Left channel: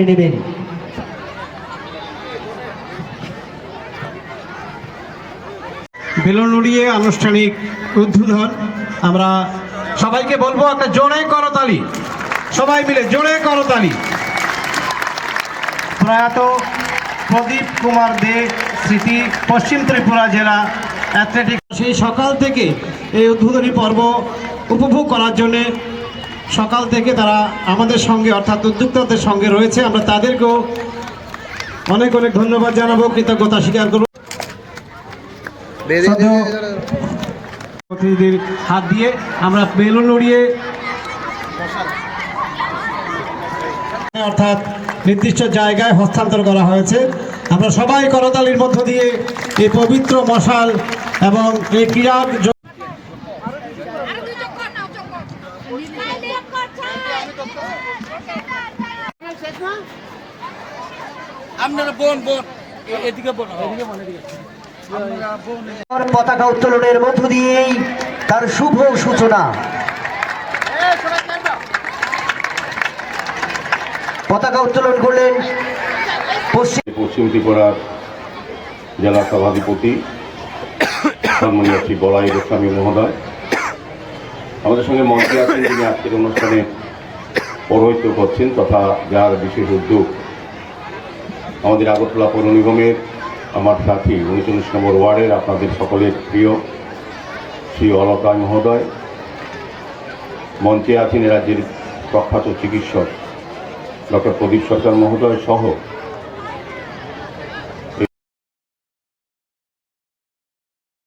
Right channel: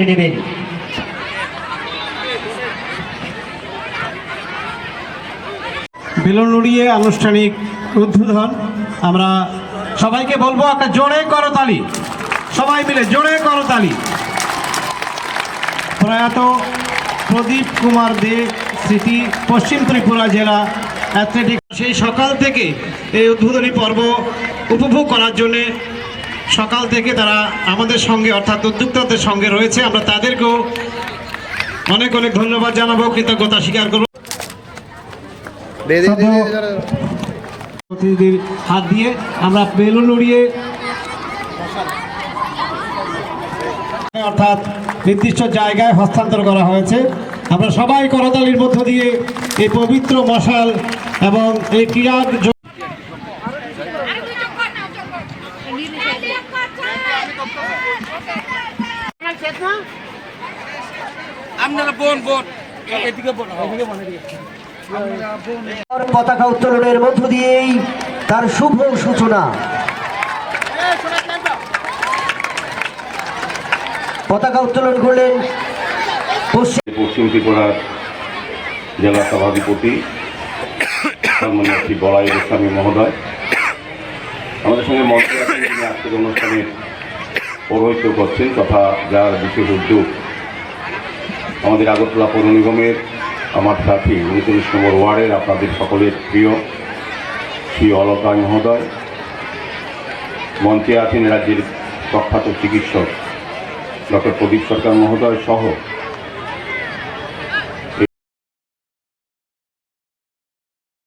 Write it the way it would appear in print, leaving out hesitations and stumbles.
করে নেবেন। বেলুন উড়িয়ে আনুষ্ঠানিক উদ্বোধন। আমরা সবাইকে বলবো একটা জোরে করতালি, সবাই মিলে জোরে করতালি। প্রয়াত প্রদীপ কুমার দে স্মৃতি পশ্চিম ত্রিপুরা জেলা অ্যাথলেটিক সেই সকাল থেকে এই উদ্বোধনী পর্ব উপভোগ করার জন্যে সকাল থেকে তারা আমাদের সঙ্গে অর্থাৎ উদ্যোক্তাদের সঙ্গে রয়েছে। আমরা তাদেরকেও অনেক অনেক ধন্যবাদ জানাবো, কৃতজ্ঞতা স্বীকার করব। প্রতিনিধির হাত দিয়ে আমরা বেলুন উড়িয়ে অর্থাৎ নির্দিষ্ট জায়গায় হস্তান্তর করা হয়েছে। আমরা সবাই করতালির মধ্য দিয়ে এই পবিত্র মশাল এবং এই ক্রীড়া পতাকা উত্তোলনের মধ্য দিয়েই তার শুভ সূচনা। পতাকা উত্তোলন করলেন পশ্চিম ত্রিপুরার জেলা সভাধিপতি সম্মানীয় শ্রী বড়াই গোস্বামী মহোদয়। আমাদের সঙ্গে মঞ্চে আছেন যিনি আজকের অনুষ্ঠানে পৌরোহিত্য করছেন, তথা যার বিশেষ উদ্যোগ আমাদের আগরতলা পৌর নিগমের আমার সাথী ৩৯ নম্বর ওয়ার্ডের আপনাদের সকলের প্রিয় শ্রী অলকার মহোদয়। মঞ্চে আছেন রাজ্যের প্রখ্যাত চিকিৎসক ডক্টর প্রদীপ সরকার মহোদয় সহ